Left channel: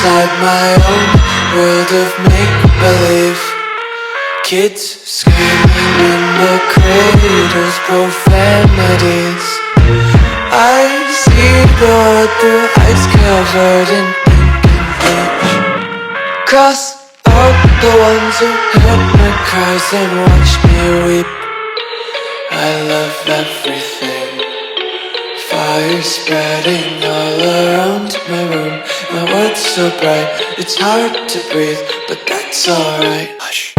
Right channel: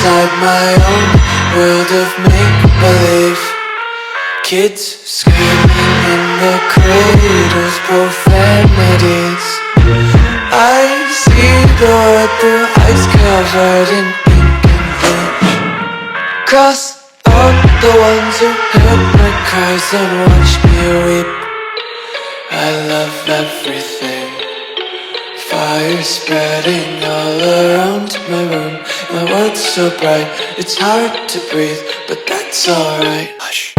inside my own world of make-believe. Kids screaming in the cradles, profanities. I see the world through eyes covered in ink and bleach. Cross out the ones who heard my cries and watched me weep. I love everything. Fire spreading all around my room. My world's so bright, it's hard to breathe, but that's alright. Hush.